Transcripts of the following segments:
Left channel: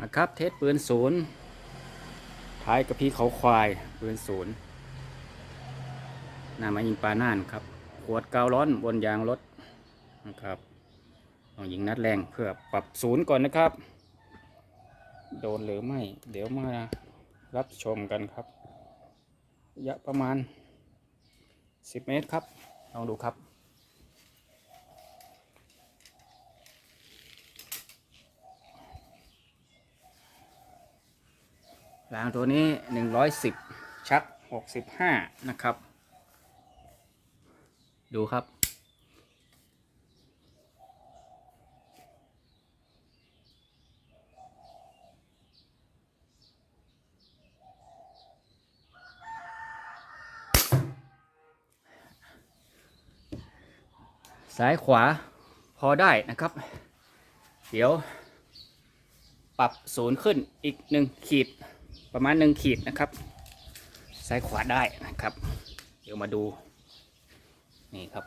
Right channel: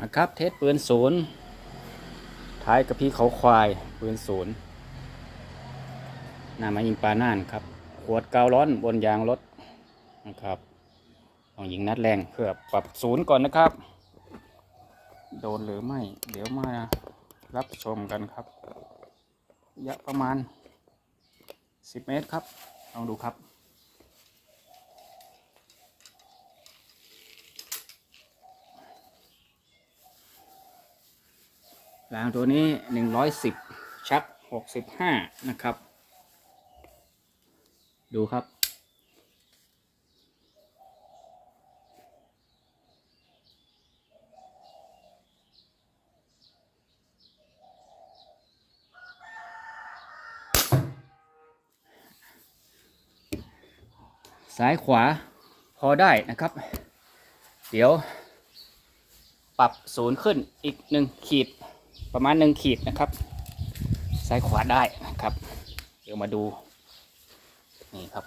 นะครับเทสปืนศูนย์ท้ายกระพี้เขาควายปืนศูนย์น้ามายิงปลาน่านครับ ขวดกาวร้อนบนยางรถนะครับต้องยิงนัดแรงเพื่อปรับศูนย์ก่อนนะครับ โดนหรือไม่ เดี๋ยวมารับชมกันครับระยะประมาณ 10 เมตรครับ ลองดูครับางตัวนี้110ชัก65นะครับ ดูครับ ซ้ายขวาพอได้นะครับ เดี๋ยว ปรับศูนย์ขึ้นอีกหนึ่งขีด ประมาณหนึ่งขีดนะครับ ซ้ายขวาได้นะครับ เดี๋ยวมาดู นี่ครับ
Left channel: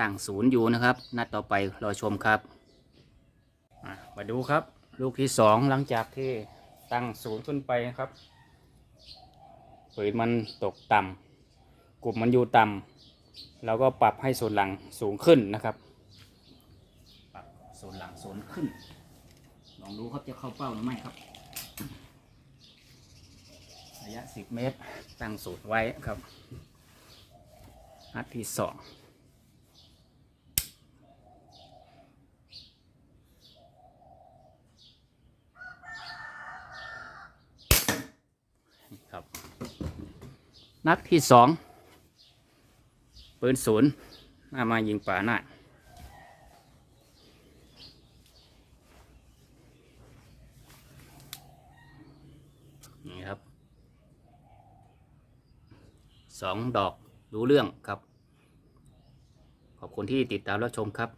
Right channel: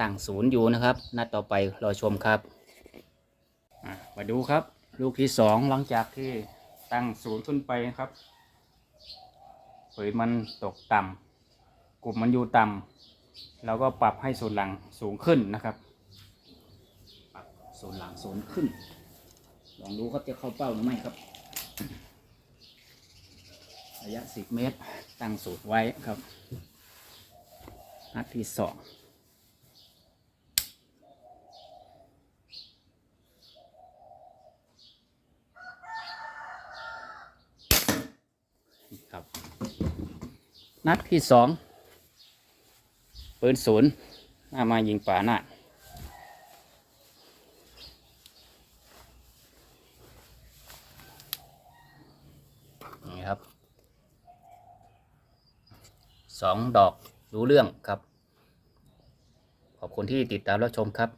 ตั้งศูนย์อยู่นะครับนัดต่อไปรอชมครับ มาดูครับ ลูกที่สองหลังจากที่ตั้งศูนย์ขึ้นไปนะครับผืนมันตกต่ำกลุ่มมันอยู่ต่ำเราก็ปรับให้ส่วนหลังสูงขึ้นนะครับปรับส่วนหลังสูงขึ้นลองดูครับจะเข้าเป้าหรือไม่ครับ ระยะ10เมตร ตั้งสูตรไว้ครับนัดที่สองครับ นัดที่สองปืนศูนย์มามายิงป่าหน้า ครับสองดอกรู้เรื่องครับ ขอบคุณที่ติดตามรับชมครับ